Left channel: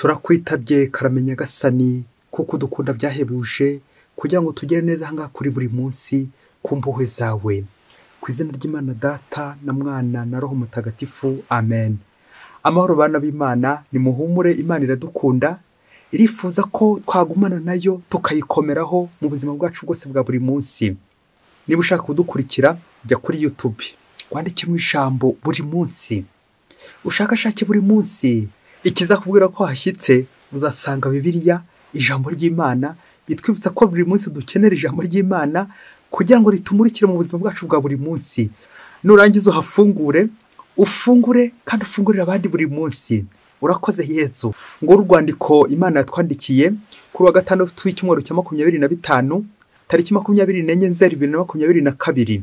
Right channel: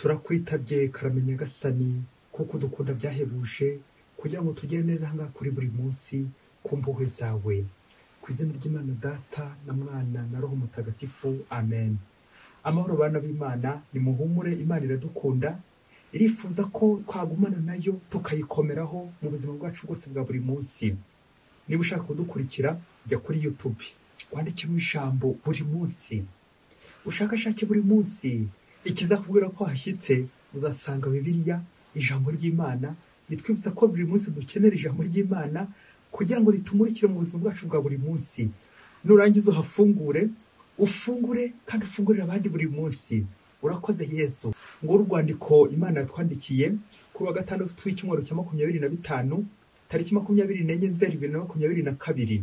turakwitabye karamenya gasani kuko dukunda byahebuje kugira ngo tugere neza hanga kuri buri munsi ku mpuhwe zawe. Ku izina ry'Imana Data na Mwana na Roho Mutagatifu, amen. Amahoro bana b'Imana, nimuhumure, Imana iradukunda, irifuza ko twagumana nayo tukayikomeraho mu buzima bwacu bwose bwa buri munsi. Niba ushaka kudukurikira, jya kuri YouTube, wandike mu ijambo buri munsi, ushakashake buri munsi. Ikizakubwira ko hashyitse uzasanga Bibiliya, ijambo ry'Imana, bitwibutsa ko buri munsi dukenera ijambo ry'Imana kugira ngo ritumurikire mu buzima bwacu bwa buri munsi. Nurangiza uhafungure, ufungure kandi ufungurire abandi buri munsi. Urakoze Yezu. Ngo urwandiko Imana yatwandikiye kuri wa gatandatu w'icyumweru cya 25 tariki 24 Nzeri 2022.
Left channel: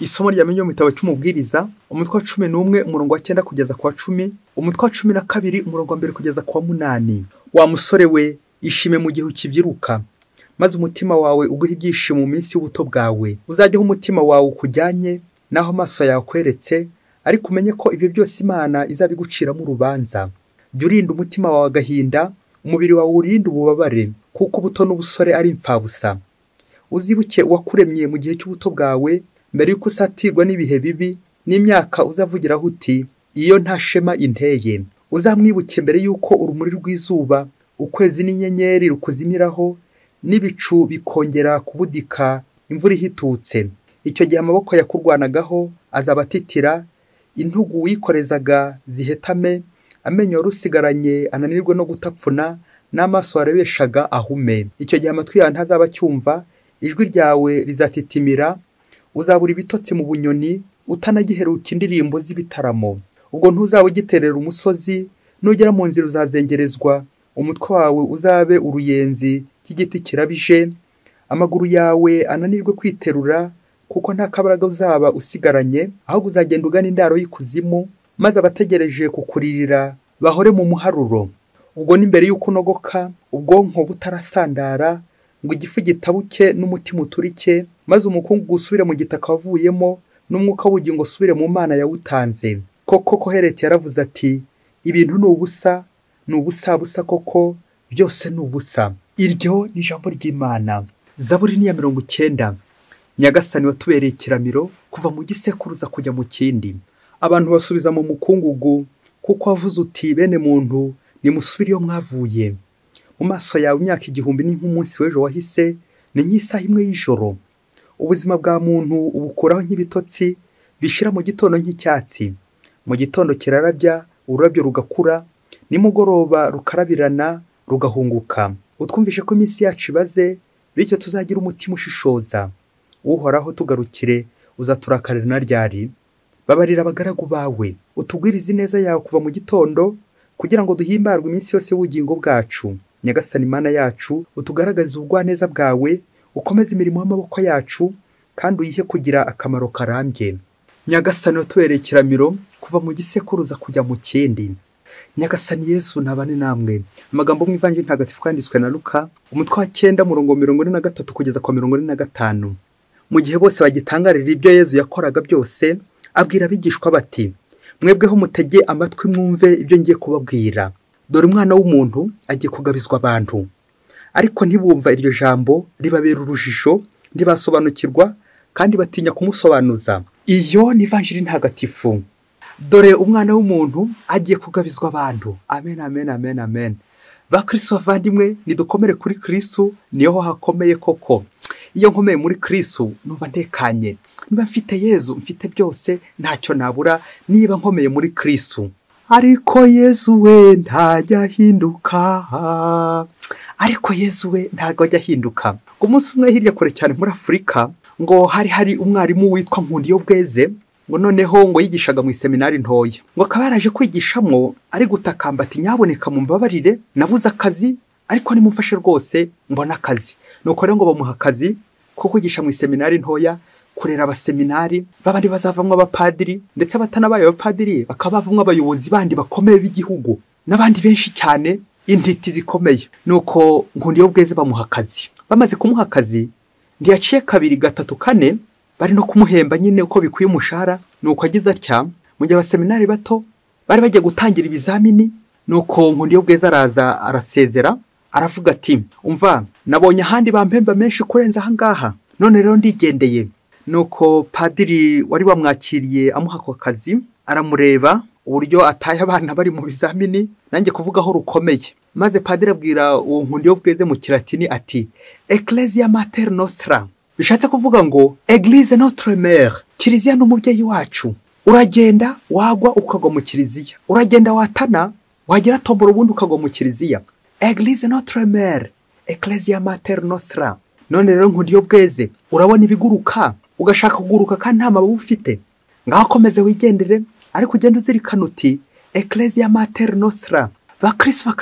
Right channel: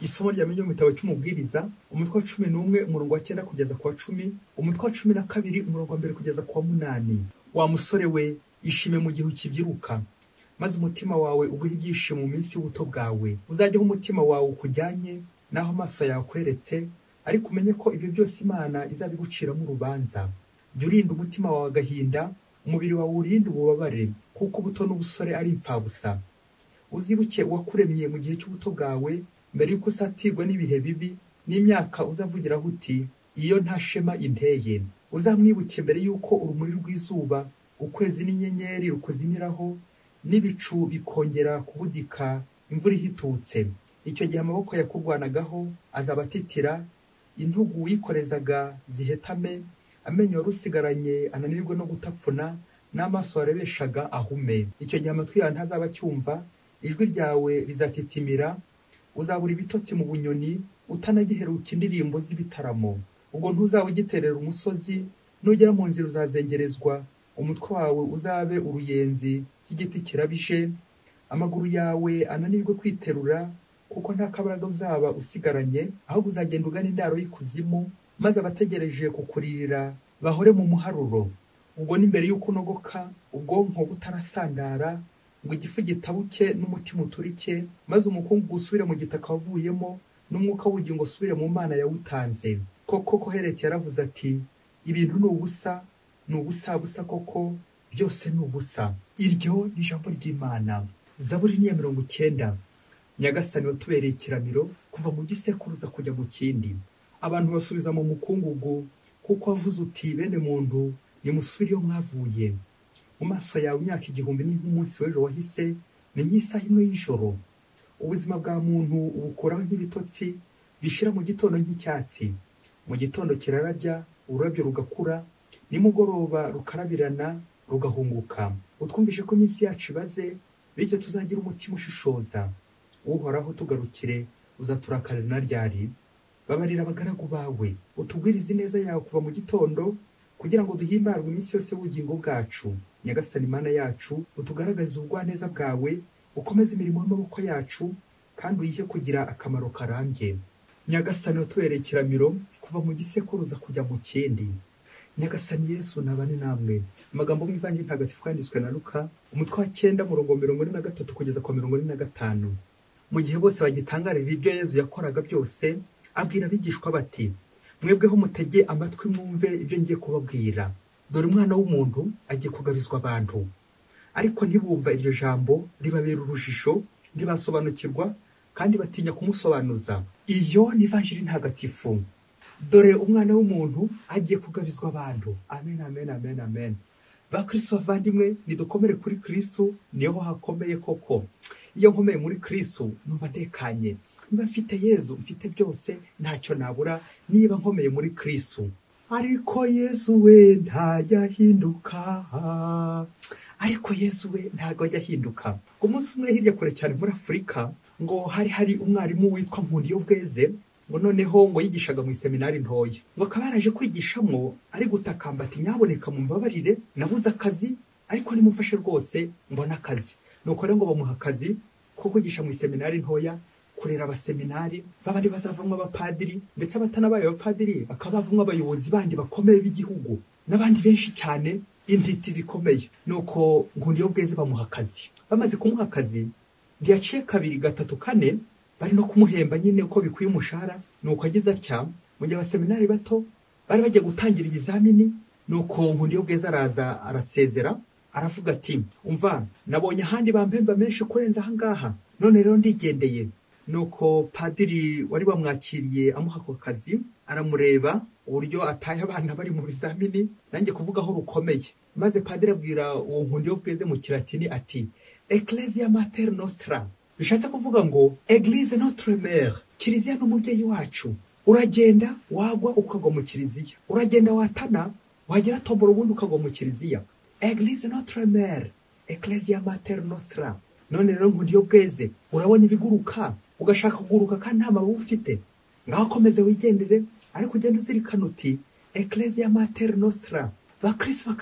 Isomo ryamenye mu gitabo cy'umubwiriza umutwe wa 11 umurongo wa 9 kugeza kwa 10, umutwe wa 12 umurongo wa 2 kugeza kwa 8. Wa musore we, ishime mu gihe ukibyiruka, maze umutima wawe uguhe ibyishimo mu minsi y'ubuto bwawe. Uzajyeho umutima wawe ukujyanye naho amaso yawe kweretse, ariko umenye ko ibyo byose Imana izabiguciramo urubanza. Jya urinda umutima wawe agahinda, umubiri wawe urinde ububabare, kuko ubuto n'ubusore ari impfabusa. Uzibuke uwakuremye mu gihe cy'ubuto bwawe, mbere yuko usatirwa n'ibihe bibi n'imyaka uzavugiraho uti iyo nta shema inteye. Uzamwibuke mbere yuko urumuri rw'izuba, ukwezi n'inyenyeri rukuzimiraho, n'ibicu bikongera kubudika imvura ihitutse. Icyo gihe amaboko yakurwanagaho azaba atitira, intugu wikorezaga zihetame, amenyo warusigaranye ananirwe no gutapfuna, n'amaso warebeshaga ahume. Icyo gihe amatwi yawe ntazaba acyumva, ijwi ryawe rizatitimira, uzabura ibitotsi mu bunyoni, utanagiheruka indirimbo z'ibitaramo. Ubwo ntuzaba ugiterera umusozi, nugera mu nzira uzazengerezwa, umutwe wawe uzabe uruyenzi nk'igiti kirabije, amaguru yawe ananirwe kwiterura, kuko nta kabaraga uzaba usigaranye, ahubwo uzagenda ugana indaro y'ikuzimu, maze abategereje kukuririra bahore mu muharuro. Ubwo n'imbere y'uko unogoka, ubwonko butarasandara, ngo igifu gitabuke n'umutima uturike, maze umukungugu usubire mu gitaka wavuyemo, n'umwuka w'ubugingo usubire mu Mana yawutanze. Koko Kohereti yaravuze ati, ibintu ni ubusa, ni ubusa koko, byose ni ubusa. Iryo ni ijambo ry'Imana. Zaburi ni ya 90. Nyagasani watubereye ikiramiro, kuva mu gisekuruza kujya mu kindi. Abantu basubiza mu mukungugu, kuko wavuze uti bene muntu nimusubire iyo mwavuye. Mu maso yawe imyaka 1000 ni nk'umunsi w'ejo wahise, ni nk'isaha imwe y'ijoro. Ubuzima bwa muntu ubukuraho nk'ibitotsi bishira mu gitondo nk'icyatsi. Mu gitondo kirarabya, ururabyo rugakura, nimugoroba rukarabirana rugahunguka. Utwumvishe ko iminsi yacu ibaze, bityo tuzagira umutima ushishoza. Uhoraho tugarukire, uzaturakarira na ryari. Babarira abagaragu bawe, utugwirize neza yawe kuva mu gitondo, kugira ngo duhimbarwe iminsi yose y'ubugingo bwacu. Nyagasani Mana yacu, utugaragaze ubugwaneza bwawe, ukomeze imirimo y'amaboko yacu, kandi uyihe kugira akamaro karambye. Nyagasani watubereye ikiramiro, kuva mu gisekuruza kujya mu kindi. Nyagasani Yesu nabane namwe. Amagambo mu Ivanjili ntagatifu kwanditswe na Luka, umutwe wa 9 umurongo 43 kugeza kwa 45. Mu gihe bose bagitangarira ibyo Yezu yakoraga byose, abwira abigishwa bati, mwebweho mutege amatwi mwumve ibyo ngiye kubabwira. Dore umwana w'umuntu agiye kugabizwa abantu. Ariko ntibumva iryo jambo, ribabera urujijo, ntibasobanukirwa, kandi batinya kumusobanuza. Iyo ni Ivanjili ntagatifu. Dore umwana w'umuntu agiye kugabizwa abantu. Amen, amen, amen, amen. Bakristo bavandimwe, nidukomere kuri Kristu, niho hakomeye koko. Iyo nkomeye muri Kristu, numva ntekanye. Niba mfite Yezu, mfite byose, ntacyo nabura niba nkomeye muri Kristu. Ariko Yezu we ntajya ahinduka. Ariko Yezu we ntago ajya ahinduka. Umunsi umwe hirya kure cyane muri Afurika, ngo hari umwarimu witwa Nkundiyobweze, ngo noneho ngo yigishaga mu seminari ntoya. Ngo akaba yaraje kwigishamo, ari gutakamba ati nyaboneka mumbabarire, nabuze akazi, ariko nimumfashe rwose mbona akazi. Nuko rero ngo bamuha akazi ko kwigisha mu seminari ntoya, kurera abaseminari babandi bazavamwe abapadiri, ndetse batanabaye abapadiri bakabavamwe abayobozi bandi bakomeye b'igihugu, n'abandi benshi cyane, intiti zikomeye. Nuko Nkundiyobweze bamuha akazi. Bamaze kumuha akazi, ndiyaciye 2, 3, 4 bari no kumuhemba nyine uko bikwiye umushahara. Nuko agize atya, mu gihe abaseminari bato bari bagiye gutangira ibizamini, nuko Nkundiyobweza araza arasezera aravuga ati umva nabonye ahandi bampemba menshi kurenza ahangaha none rero ndigendeye. Nuko padiri wari wamwakiriye amuha ako kazi aramureba uburyo ataye abana bari mu bizamini nanjye kuvugaho rukomeye, maze padiri abwira uwo Nkundiyobweze mu kilatini ati Ecclesia Mater Nostra, bishatse kuvuga ngo Eglise Notre Mère, kiliziya n'umubyeyi wacu. Uragenda wagwa ukagwa mu kiliziya, uragenda watana wagira tombora ubundi ukagwa mu kiliziya. Eglise Notre Mère, Ecclesia Mater Nostra. None rero Nkundiyobweze urabona ibiguruka ugashaka kuguruka kandi nta mababa ufite, ngaho komeze wigendere ariko ugenda uzirikana uti Ecclesia Mater Nostra. Bakristo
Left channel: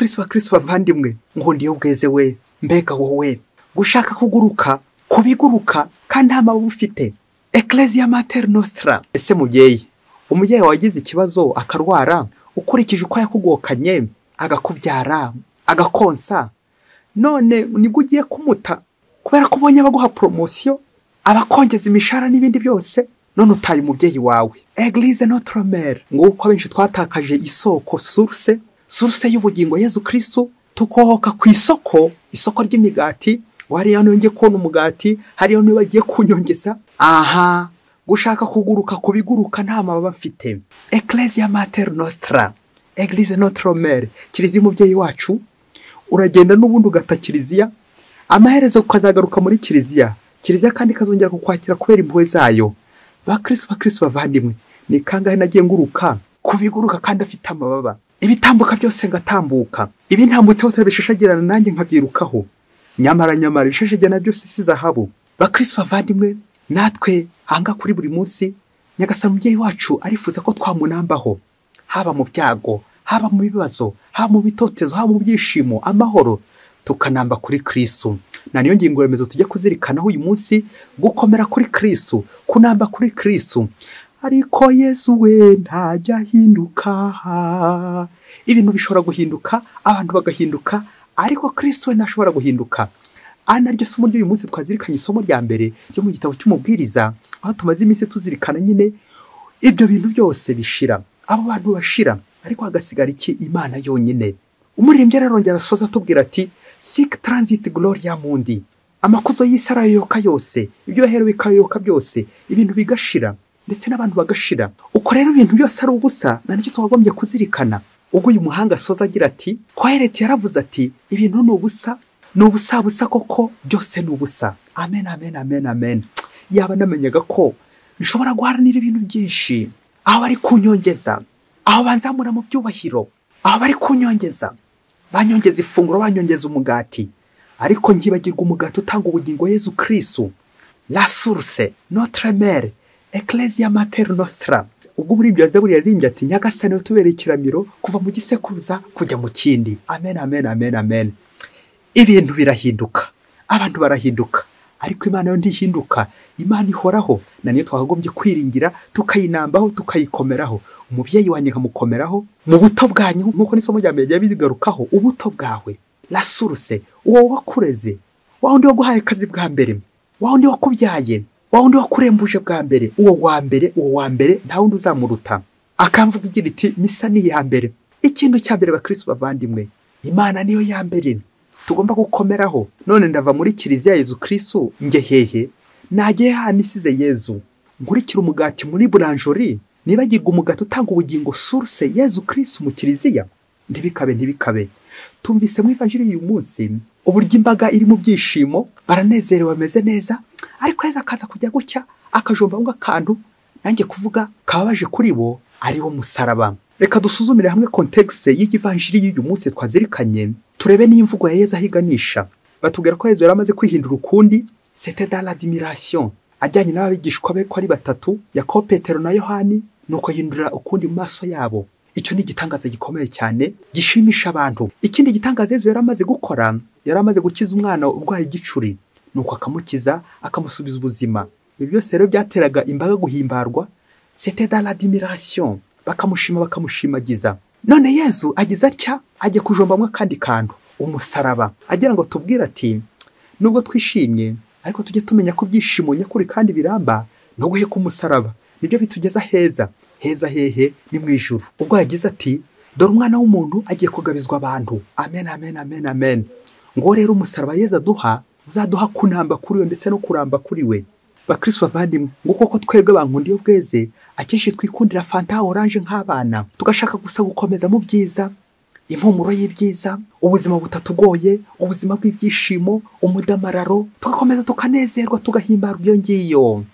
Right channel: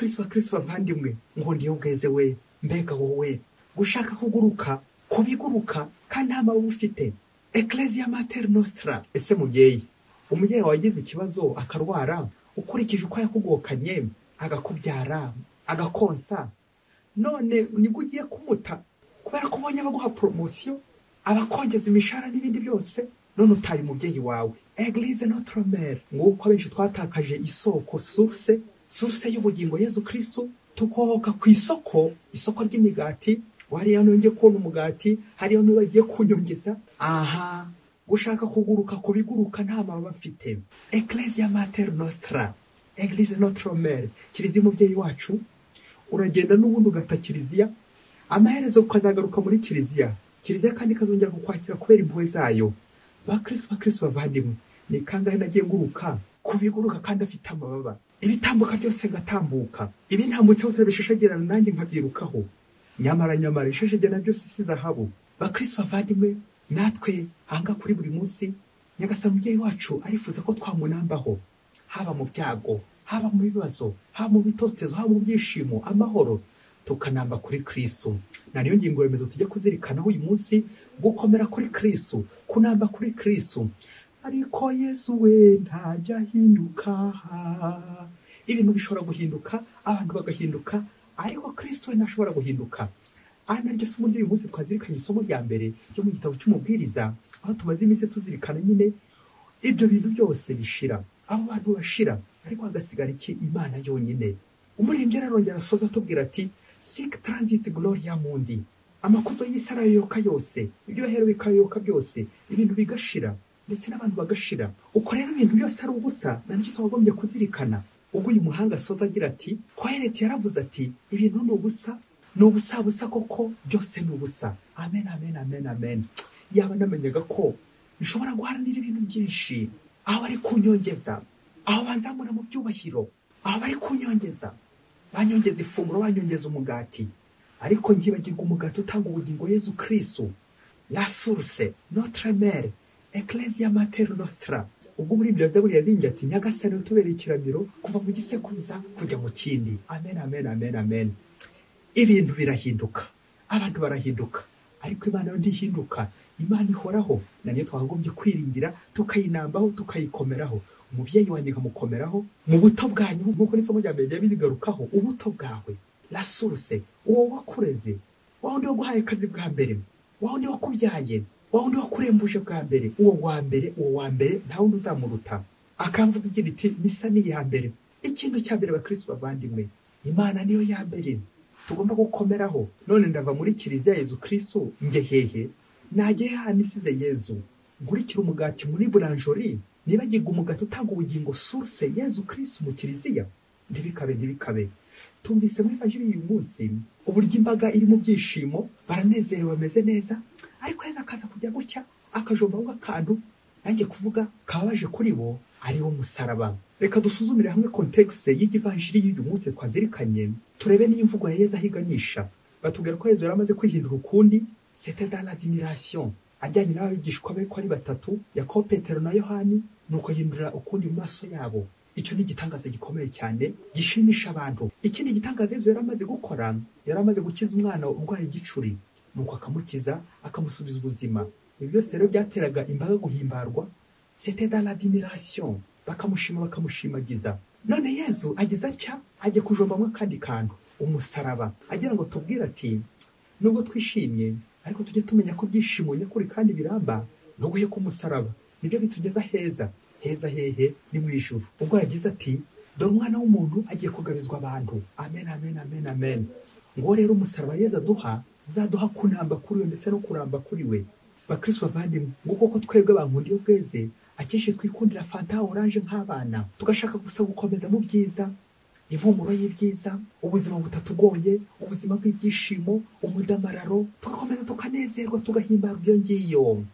bavandimwe, Nkundiyobweze we mbega wowe gushaka kuguruka kubiguruka kandi nta mababa ufite. Ecclesia Mater Nostra. Ese umubyeyi wagize ikibazo akarwara ukurikije uko yakugokanye agakubyara agakonsa, none nibwo ugiye kumuta kubera ko ubonye baguha promotion abakongeza imishara n'ibindi byose, none utaye umubyeyi wawe. Eglise Notre Mère, nguko abenshi twatakaje isoko source y'ubugingo Yezu Kristu, tukohoka ku isoko ry'imigati. Wari yonge kubona umugati hariyo niba bagiye kunyongeza. Aha gushaka kuguruka kubiguruka nta mababa mfite. Ecclesia Mater Nostra, Eglise Notre Mère, kiliziya umubyeyi wacu. Uragenda n'ubundi ugata kiliziya, amaherezo ukazagaruka muri kiliziya kandi kazongera kukwakira kubera impuhwe zayo. Bakristo bavandimwe, ni kangahe nagiye nguruka kubiguruka kandi afite amababa, ibitambuka byose ngatambuka, ibi ntambutse hose bishashagirana nanjye nkabyirukaho. Nyamara ishashagirana byose si zahabu. Bakristo bavandimwe, natwe hanga kuri buri munsi Nyagasani umubyeyi wacu arifuza ko twamunambaho, haba mu byago, haba mu bibazo, haba mu bitotezo, haba mu byishimo, amahoro, tukanamba kuri Kristu. Na niyo ngingo remezo tujye kuzirikanaho uyu munsi, gukomera kuri Kristu, kunamba kuri Kristu. Ariko Yesu we ntajya hinduka. Ibintu bishobora guhinduka, abantu bagahinduka, ariko Kristu we ntashobora guhinduka. Naryo somo ry'uyu munsi twazirikanye isomo rya mbere ryo mu gitabo cy'umubwiriza, aho tumaze iminsi tuzirikana nyine ibyo bintu byose bishira, abo bantu bashira, ariko hagasigara iki? Imana yonyine. Umuririmbyi arongera asoza atubwira ati sic transit gloria mundi, amakuzo y'isi arayoyoka yose, ibyo yaherewe bikayoyoka byose, ibintu bigashira ndetse n'abantu bagashira. Uko rero ibintu byose ari ubusa, nicyo twagombye kuzirikana. Ubwo uyu muhanga asoza agira ati Kohereti yaravuze ati ibintu ni ubusa, ni ubusa koko, byose ni ubusa. Amen. Yaba namenyaga ko nshobora guharanira ibintu byinshi, aho bari kunyongeza, aho banzamura mu byubahiro, aho bari kunyongeza, banyongeza ifunguro, banyongeza umugati, ariko nkibagirwa umugati utanga ubugingo Yezu Kristu, la source, notre mère, Ecclesia Mater Nostra. Ubwo muri ibyo Zaburi yaririmbye ati Nyagasani utubereye ikiramiro kuva mu gisekuruza kujya mu kindi. Amen. Ibintu birahinduka, abantu barahinduka, ariko Imana yo ntihinduka. Imana ihoraho, na niyo twakagombye kwiringira, tukayinambaho, tukayikomeraho. Umubyeyi wanjye nkamukomeraho mu buto bwanyu, nkuko n'isomo rya mbere bigarukaho, ubuto bwawe, la source, uwo wakureze, wa wundi waguhaye akazi bwa mbere, wa wundi wakubyaye, wa wundi wakurembuje bwa mbere, uwo wa mbere nta wundi uzamuruta. Akamvuga igira iti misa ni ya mbere. Ikintu cya mbere bakristo bavandimwe, Imana niyo ya mbere tugomba gukomeraho. None ndava muri kiliziya Yezu Kristu nge hehe? Nagiye hano isize Yezu, nkurikira umugati muri boulangerie, nibagirwa umugati utanga ubugingo source Yezu Kristu mu kiliziya. Ntibikabe. Tumvise mu ivanjiri y'uyu munsi uburyo imbaga iri mu byishimo, baranezerewe bameze neza, ariko Yezu akaza kujya gucya akajomba ngo akantu nanjye kuvuga kababaje kuri bo, ari wo musaraba. Reka dusuzumire hamwe context y'ivanjiri y'uyu munsi twazirikanye, turebe n'imvugo ya Yezu ahiganisha. Batubwira ko Yezu yaramaze kwihindura ukundi, c'était dans l'admiration, ajyanye n'abigishwa be ko ari batatu, Yakobo, Petero na Yohani, nuko yindura ukundi mu maso yabo. Icyo ni igitangaza gikomeye cyane gishimisha abantu. Ikindi gitangaza Yezu yaramaze gukora, yaramaze gukiza umwana urwaye igicuri, nuko akamukiza akamusubiza ubuzima. Ibi byose rero byateraga imbaga guhimbarwa, c'était dans l'admiration, bakamushima bakamushimagiza. None Yezu agize atya, ajye kujombamwe kandi kantu, umusaraba, agira ngo tubwire ati nubwo twishimye, ariko tujye tumenya ko byishimo nyakuri kandi biramba no guheka umusaraba nibyo bitugeza heza hehe ni mu ijuru. Ubwo yagize ati dore umwana w'umuntu agiye kugabizwa abantu. Amen, amen, amen, amen. Ngo rero umusaraba Yezu aduha uzaduha kunamba kuri we ndetse no kuramba kuri we. Bakristo bavandimwe, ngo koko twebwe bankundi iyo bweze akenshi twikundira fanta orange nk'abana, tugashaka gusa gukomeza mu byiza, impumuro y'ibyiza, ubuzima butatugoye, ubuzima bw'ibyishimo, umudamararo, tugakomeza tukanezerwa tugahimbarwa iyo ngiyo.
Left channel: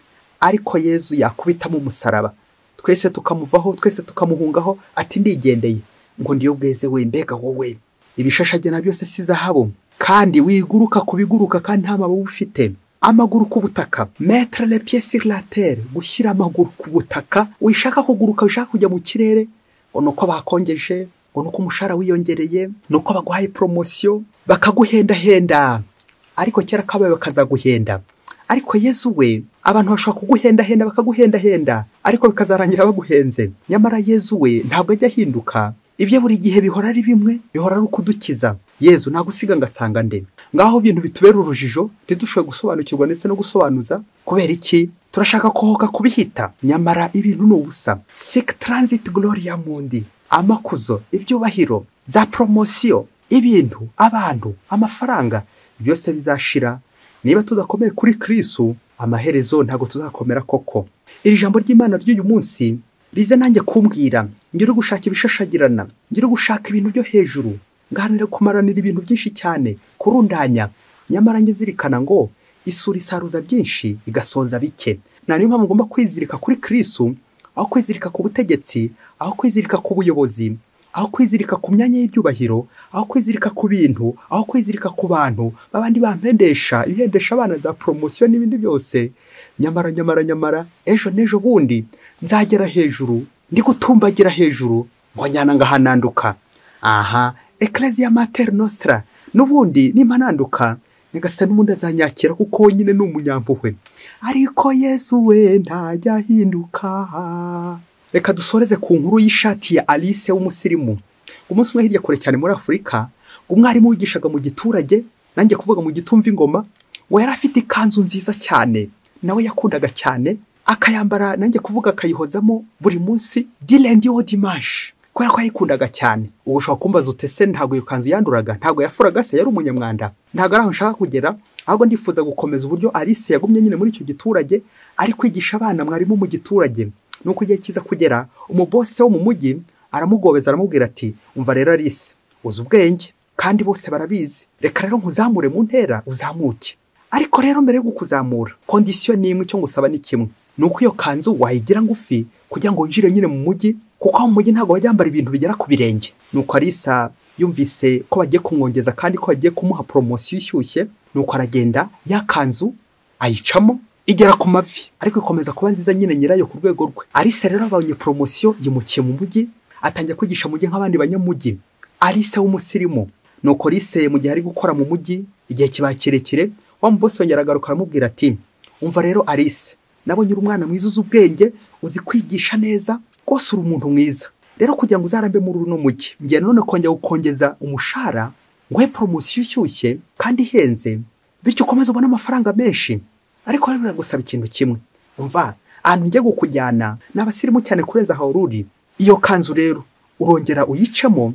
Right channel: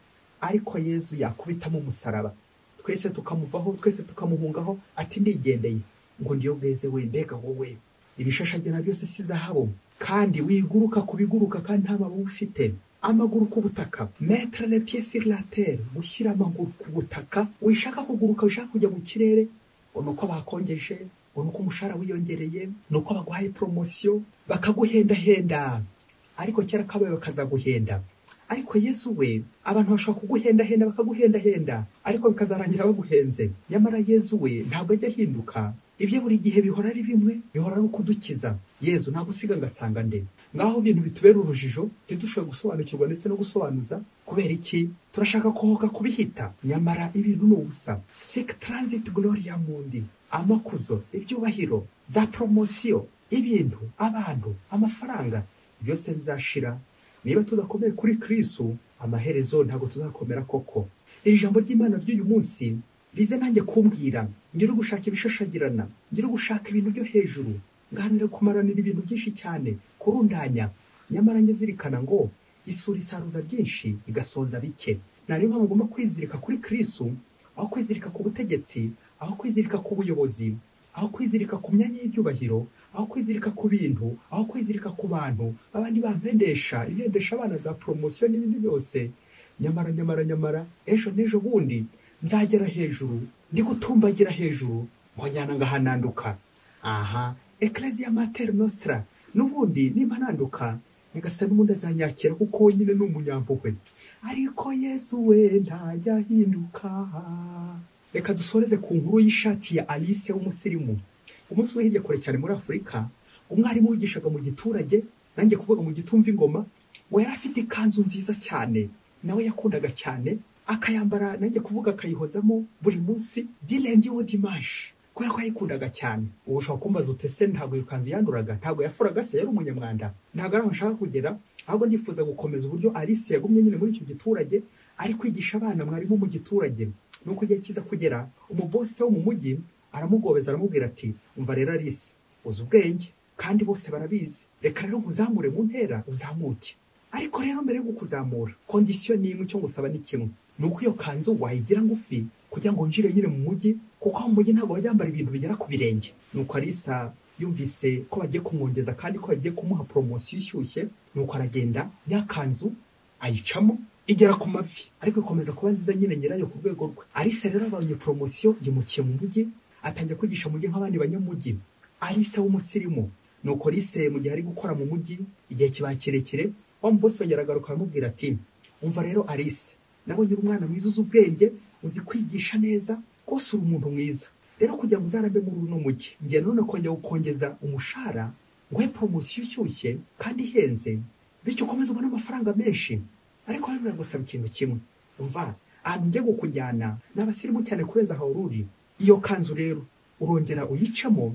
Ariko Yezu yakubitamo umusaraba, twese tukamuvaho, twese tukamuhungaho, ati ndigendeye. Ngo ndiyo bweze we, mbega wowe ibishashagena byose si zahabu, kandi wiguruka kubiguruka kandi nta mababa ufite. Amaguru ku butaka, mettre les pieds sur la terre, gushyira amaguru ku butaka. Wishaka kuguruka, wishaka kujya mu kirere, nuko bakongeje, nuko umushara wiyongereye, nuko baguhaye promotion, bakaguhenda-henda. Ariko kera kabaye bakazaguhenda. Ariko Yezu we, abantu bashaka kuguhenda-henda bakaguhenda-henda, ariko bikazarangira baguhenze. Nyamara Yezu we ntabwo ajya ahinduka. Ibyo buri gihe bihora ari bimwe, bihora ari ukudukiza. Yezu nagusiga ngasanga nde. Ngaho ibintu bitubera urujijo, ntidushoboye gusobanukirwa ndetse no gusobanuza. Kubera iki? Turashaka kohoka kubihita. Nyamara ibintu ni ubusa. Sic transit gloria mundi. Amakuzo, ibyubahiro, za promotion, ibintu, abantu, amafaranga, byose bizashira. Niba tudakomeye kuri Kristu, amaherezo ntago tuzakomera koko. Iri jambo ry'Imana ry'uyu munsi rize nanjye kumbwira, ngire gushaka ibishashagirana, ngire gushaka ibintu byo hejuru, nganire kumaranira ibintu byinshi cyane, kurundanya. Nyamara ngizirikana ngo isura isaruza byinshi igasonza bike. Niyo mpamvu ngomba kwizirika kuri Kristu, aho kwizirika ku butegetsi, aho kwizirika ku buyobozi, aho kwizirika ku myanya y'ibyubahiro, aho kwizirika ku bintu, aho kwizirika ku bantu babandi bampendesha, ibihendesha abana za promotion n'ibindi byose. Nyamara ejo nejo bundi nzagera hejuru, ndi gutumbagira hejuru, ngo nyana ngahananduka. Aha, Ecclesia Mater Nostra, n'ubundi nimpananduka nigasa n'umundi azanyakira kuko nyine ni umunyampuhwe. Ariko Yesu we ntajya ahinduka. Reka dusoreze ku nkuru y'ishati ya Alice w'umusirimu. Umunsi umwe hirya kure cyane muri Afurika, umwarimu wigishaga mu giturage, nanjye kuvuga mu gitumva ingoma, ngo yari afite ikanzu nziza cyane, nawe yakundaga cyane, akayambara nanjye kuvuga akayihozamo buri munsi du lundi au dimanche, kubera ko ayikundaga cyane. Ubu ushobora kumbaza utese ntabwo iyo kanzu yanduraga, ntabwo yafuraga se, yari umunyamwanda. Ntabwo ari aho nshaka kugera, ahubwo ndifuza gukomeza uburyo Alice yagumye nyine muri icyo giturage, ari kwigisha abana mwarimu mu giturage. Nuko igihe kiza kugera, umubose wo mu mujyi aramugobeza aramubwira ati, umva rero Alice, uzi ubwenge kandi bose barabizi, reka rero nkuzamure mu ntera uzamuke. Ariko rero mbere yo kukuzamura, condition ni imwe, cyo ngusaba ni kimwe, nuko iyo kanzu wayigira ngufi kugira ngo winjire nyine mu mujyi, kuko mu mujyi ntabwo bajyambara ibintu bigera ku birenge. Nuko Alice yumvise ko bagiye kumwongeza kandi ko bagiye kumuha promotion ishyushye, nuko aragenda ya kanzu ayicamo igera ku mavi, ariko ikomeza kuba nziza nyine nyirayo ku rwego rwe. Alice rero abonye promotion, yimukiye mu mujyi, atangiye kwigisha mujyi nk'abandi banyamujyi. Alice w'umusirimu. Nuko Alice mu gihe ari gukora mu mujyi, igihe kiba kirekire, wa mubose yongera agaruka aramubwira ati, umva rero Alice, nabonye uri umwana mwiza uzi ubwenge, uzi kwigisha neza, rwose uri umuntu mwiza. Rero kugira ngo uzarambe muri uno mujyi, ngiye none kongera gukongeza umushahara, nguhe promotion ishyushye kandi ihenze, bityo ukomeze ubone amafaranga menshi. Ariko rero biragusaba ikintu kimwe, umva, ahantu ngiye gukujyana n'abasirimu cyane kurenza aho ruri. Iyo kanzu rero urongera uyicemo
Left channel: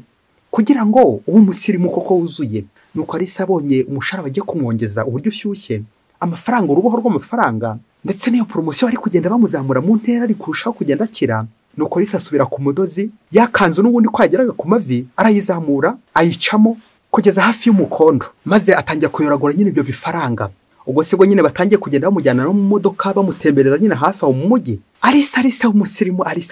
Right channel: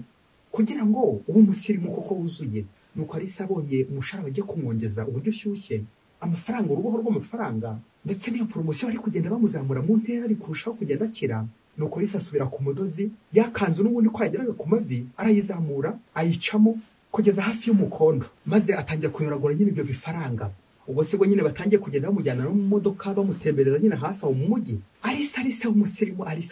kugira ngo ube umusirimu koko wuzuye. Nuko Alice abonye umushahara bagiye kumwongeza uburyo ushyushye, amafaranga, uruboho rw'amafaranga, ndetse n'iyo promotion ari kugenda bamuzamura mu ntera ari kurushaho kugenda akira. Nuko Alice asubira ku mudozi, yakanzu n'ubundi ko yageraga ku mavi arayizamura ayicamo kugeza hafi y'umukondo, maze atangira kuyoragura nyine ibyo bifaranga. Ubwo sibwo nyine batangiye kugenda bamujyana no mu modoka bamutembereza nyine hafi aho mu mujyi. Alice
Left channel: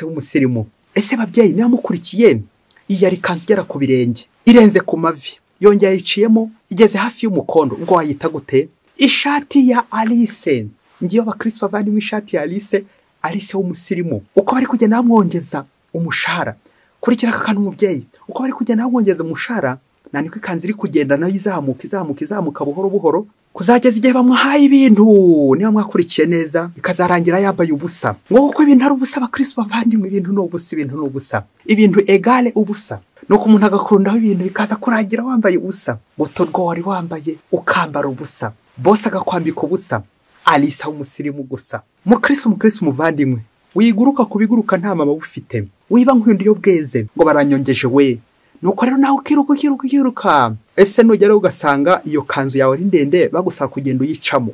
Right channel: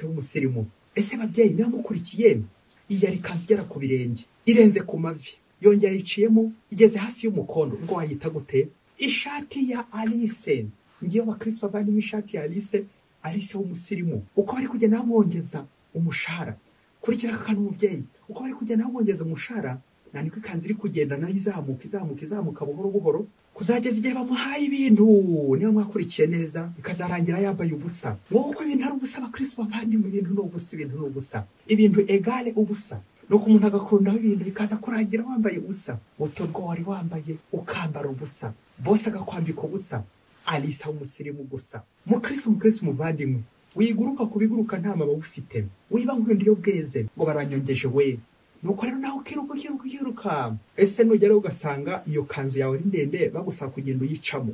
w'umusirimu. Ese babyeyi namukurikiye, iyi ari kanzu igera ku birenge, irenze ku mavi, yongera yiciyemo igeze hafi y'umukondo. Ngo wayita gute? Ishati ya Alice. Ngiyo bakristo bavandimwe, ishati ya Alice w'umusirimu. Uko bari kugenda bamwongeza umushahara, kurikira aka kantu mubyeyi, uko bari kugenda bamwongeza umushahara, niko ikanzu iri kugenda nayo izamuka buhoro buhoro, kuzageza igihe bamuhaye ibintu. Niba mwakurikiye neza, ikazarangira yambaye ubusa. Ngo kuko ibintu ari ubusa, abakristo bavandimwe, ibintu ni ubusa, ibintu egale ubusa. Nuko umuntu agakundaho ibintu bikaza kurangira wambaye ubusa. Butorwa wari wambaye ukambara ubusa, bose agakwambika ubusa. Alice w'umusirimu gusa. Mukristo muvandimwe, wiguruka kubiguruka nta mama ufite, wiba nk'undi yo bweze ngo baranyongeje we, nuko rero nawe ukiruka. Ese nugera ugasanga iyo kanzu yawe ari ndende bagusaba kugenda uyicamo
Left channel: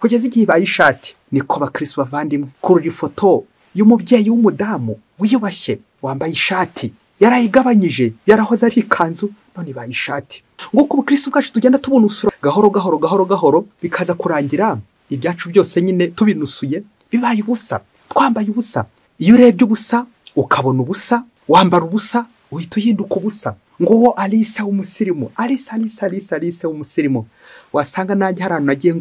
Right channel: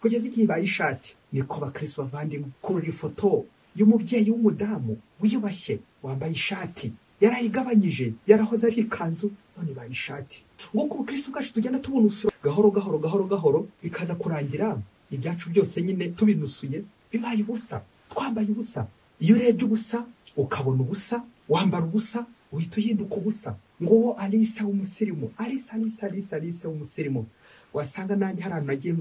kugeza igihe ibaye ishati. Niko bakristo bavandimwe, kurura ifoto y'umubyeyi w'umudamu wiyubashye wambaye ishati yarayigabanyije, yarahoze ari ikanzu none ibaye ishati. Nguko ubukristo bwacu tugenda tubunusura gahoro bikaza kurangira ibyacu byose nyine tubinusuye bibaye ubusa, twambaye ubusa. Iyo urebye ubusa ukabona ubusa, wambara ubusa uhita uhinduka ubusa. Nguwo Alisa w'umusirimu, Alisa w'umusirimu, wasanga nanjye hari ahantu nagiye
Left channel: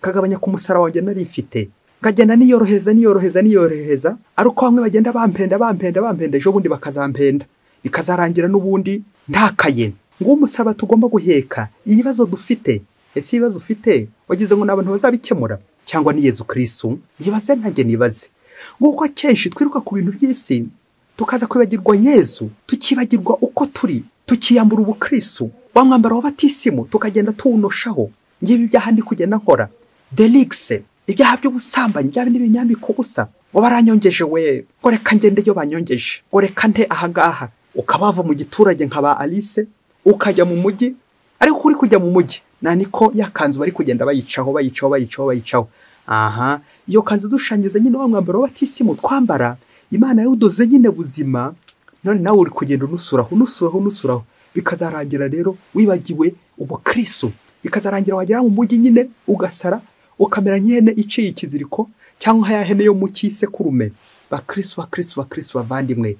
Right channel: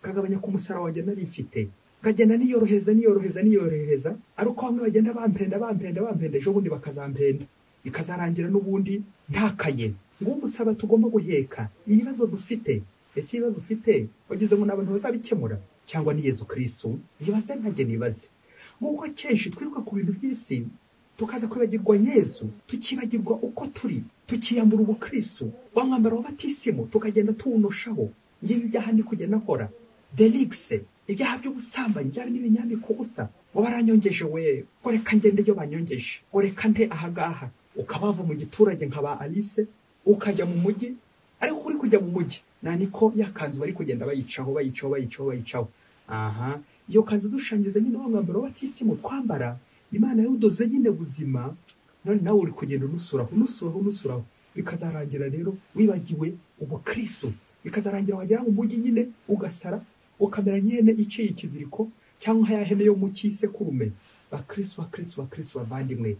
kagabanya ku musara wanjye nari mfite, ngagenda niyoroheza, ari uko bamwe bagenda bampenda ejo bundi bakazampenda, bikazarangira n'ubundi ntakaye. Nguwo umusaraba tugomba guheka ibibazo dufite. Ese ibibazo ufite wagize ngo n'abantu bazabikemura cyangwa ni Yezu Kristu? Yibaze ntajye nibaze. Nguko kenshi twiruka ku bintu by'isi tukaza kwibagirwa Yezu, tukibagirwa uko turi, tukiyambura ubukristo, wa mwambaro w'abatisimu tukagenda tuwunoshaho. Ngiye ibyaha ndi kugenda nkora delixe, ibyaha by'ubusambanyi, bya bindi binyambika ubusa, ngo baranyongeje we, ngo reka ngende yo banyongeje, ngo reka nte ahangaha. Ukabava mu giturage nkaba Alice ukajya mu mujyi, ariko uri kujya mu mujyi niko yakanzu bari kugenda bayicaho. Aha, iyo kanzu dushangiza nyine wa mwambaro w'abatisimu twambara, Imana yawudoze nyine buzima, none nawe uri kugenda unusuraho, bikazarangira rero wibagiwe ubukristo, bikazarangira wagera mu mujyi nyine ugasara, ukamera nyene iciye ikiziriko cyangwa ya hene yo mu kisekurume. Bakristo bavandimwe,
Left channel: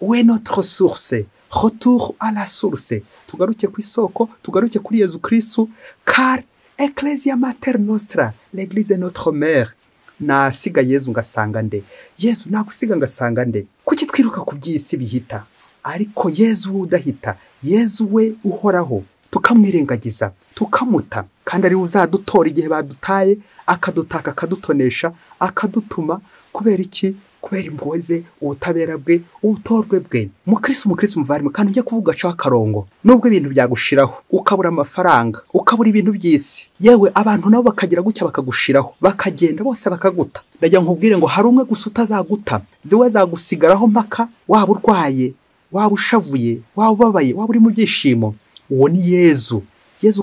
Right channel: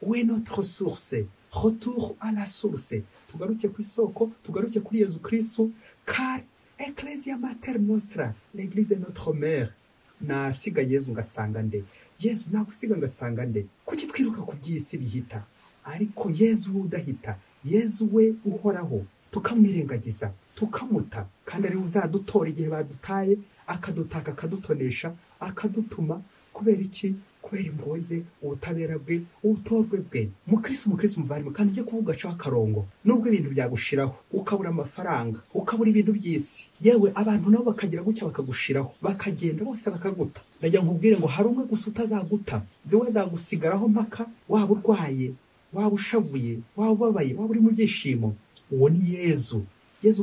we notre source, retour à la source. Tugaruke ku isoko, tugaruke kuri Yezu Kristu, car Ecclesia Mater Nostra, l'église notre mère. Nasiga Yezu ngasanga nde? Yezu nagusiga ngasanga nde? Kuki twiruka ku by'isi bihita, ariko Yezu udahita, Yezu we uhoraho tukamwirengagiza, tukamuta, kandi ari uzadutora igihe badutaye, akadutaka, akadutonesha, akadutuma. Kubera iki? Kubera impuhwe ze, ubutabera bwe, ubutorwe bwe. Mukristo muvandimwe, kandi ujye kuvuga cyo akarongo, nubwo ibintu byagushiraho, ukabura amafaranga, ukabura ibintu by'isi, yewe abantu nabo bakagira gutya bakagushiraho, bakagenda bose bakaguta. Ndajya nkubwire ngo hari umwe gusa utazaguta, ziwe zagusigaraho mpaka waba urwaye, waba ushavuye, waba ubabaye, waba uri mu byishimo. Uwo ni Yezu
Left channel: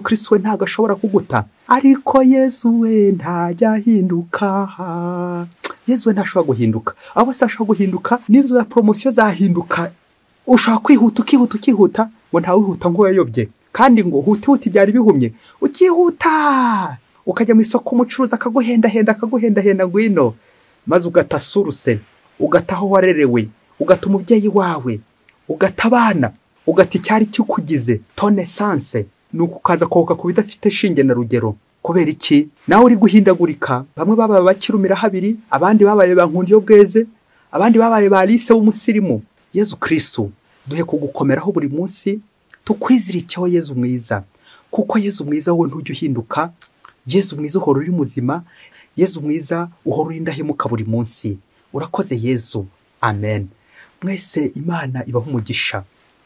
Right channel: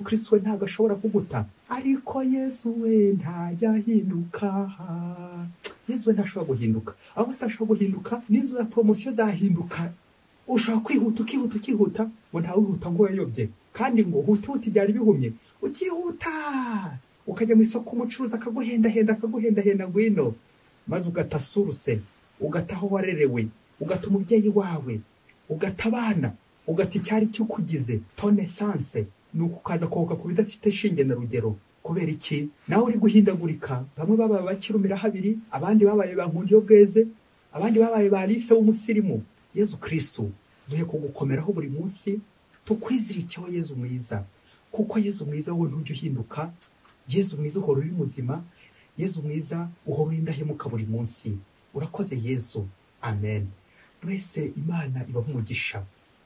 Kristu we ntago ashobora kuguta, ariko Yezu we ntajya ahinduka. Yezu we ntashobora guhinduka, abo se ashobora guhinduka, nizo za promotion zahinduka. Ushaka kwihuta ngo ntawe wihuta ngo yayobye, kandi ngo huti byari bihumye, ukihuta ukajya mu isoko umucuruza akaguhenda ngwino, maze ugata suruse, ugataho warerewe, ugata umubyeyi wawe, ugata abana, ugata icyari cyukugize ton essence, nuko ukaza kohoka ku bidafite shinge na rugero. Kubera iki? Nawe uri guhindagurika, bamwe babaye bakirumira habiri, abandi babaye bankundi yo bweze, abandi babaye ba Alisa w'umusirimu. Yezu Kristu duhe kugukomeraho buri munsi, tukwizirikeho Yezu mwiza, kuko Yezu mwiza wowe ntujya uhinduka. Yezu mwiza uhora uri muzima, Yezu mwiza uhora uri indahemuka buri munsi. Urakoze Yezu, amen. Mwese Imana ibaho umugisha,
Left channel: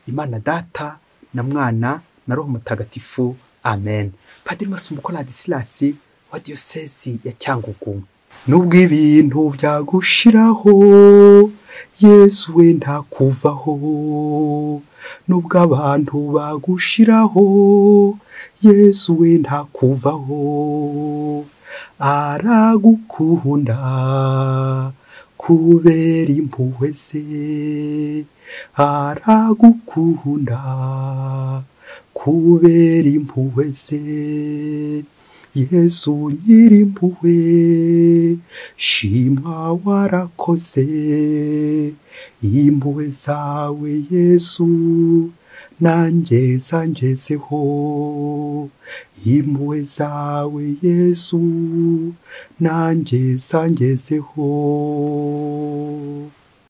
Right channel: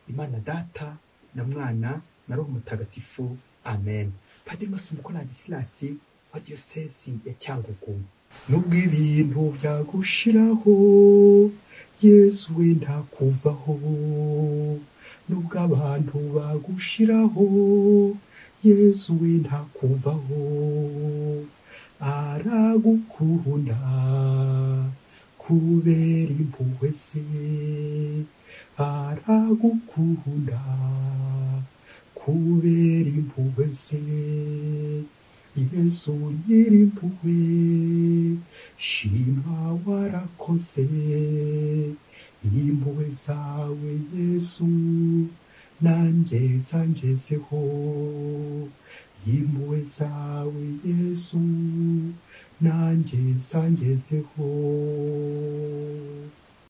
Imana Data na Mwana na Roho Mutagatifu, amen. Padiri Masumbuko Ladislasi wa Diocese ya Cyangugu. Nubwo ibintu byagushiraho, Yesu we ntakuvaho. Nubwo abantu bagushiraho, Yesu we ntakuvaho. Aragukunda kubera impuhwe ze, aragukunda kubera impuhwe ze. Yesu nyirimpuhwe, shimwa warakoze, impuhwe zawe Yesu nanjye zangezeho, impuhwe zawe Yesu nanjye zangezeho.